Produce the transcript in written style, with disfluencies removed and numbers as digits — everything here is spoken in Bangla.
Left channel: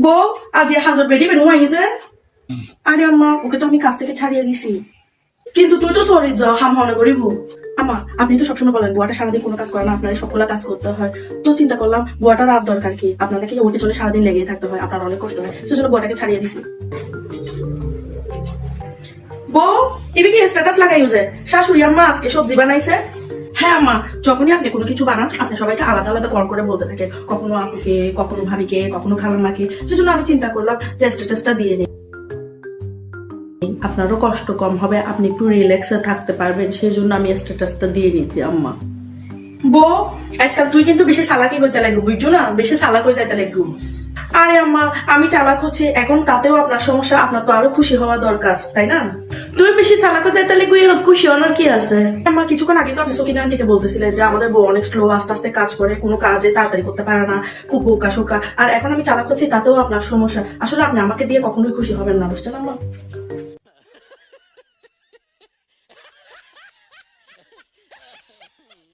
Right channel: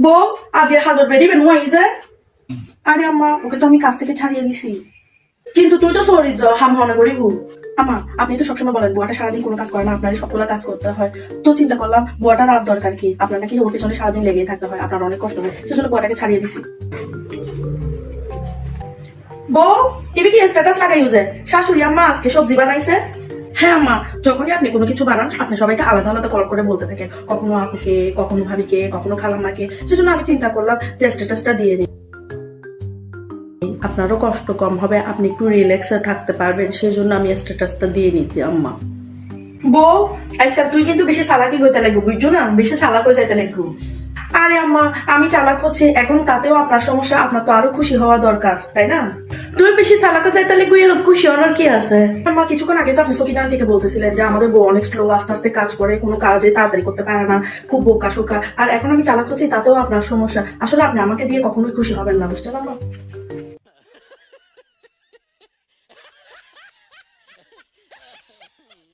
বউ আজ হাজার বেরি বের নোয়াই যে আরে আম্মা ওকে তো আমি কাজ থেকে ছাড়িয়ে দিছি কিন্তু তুই তো সরি যা হাম মনে করি বউ আম্মা আপনি তো সবসময় বলেন বুয়াটা সারাদিন কোনো কাজ করে না আপনার সবগুলা কাজ করতে হয় তো চিন্তা করলাম বুয়াটার আর দরকার কি আপনার নাকি ওর পিছনে সারাদিন লেগে থাকতে হয় আপনার অনেক কষ্ট হয় সেজন্য বুয়াটাকে ছাড়িয়ে দিছি বউ এবার কি স্ট্যাটাস লাগাই উজে শাশুড়ি আম্মা আজকে সবজি বানাইছে হ্যাঁ আম্মা যখনই আপনি কোনো কিছু বানান আপনি সবাইকে আলাদা আলাদা কল করে বলতে থাকেন কখনো আপুকে কখনো ভাবিকে কখনো খালাম্মাকে সেজন্য আমি চিন্তা করলাম যে স্ট্যাটাসটা দিয়ে নিই আপনারও কষ্ট কম হবে আপনি একটু রিল্যাক্সে থাকতে পারবেন সেই জন্য আমি স্ট্যাটাসটা দিয়ে নিয়েছি আম্মা বউ আজকাল তুই কিন্তু বেশি চালাকি হইতে লাগবে বুঝছো না বেশি চালাক হয়ে যাইতে লাগবে আরে আম্মা আমি চালাক হচ্ছে এখন তাতেও আপনার সমস্যা আপনার তো আরো খুশি হওয়া দরকার তাই না তুই বেশি চালাক যাইতে লাগবে এরকম খুশি হওয়ার কি আছে আম্মা কিছুক্ষণ আগে তো আপনি সকিনা আন্টিকে বলতেছিলেন যে আমাদের বউ অনেক স্লো আস্তে আস্তে কাজ করে কোনো কাজে তাড়াতাড়ি করতে পারে না খুব বোকা শোকা আর এখন আমি চালাক হচ্ছি তাতেও আপনার সমস্যা আসলে আপনি আমাকে দিয়ে কখনোই খুশি হবেন না বুঝছেন আম্মা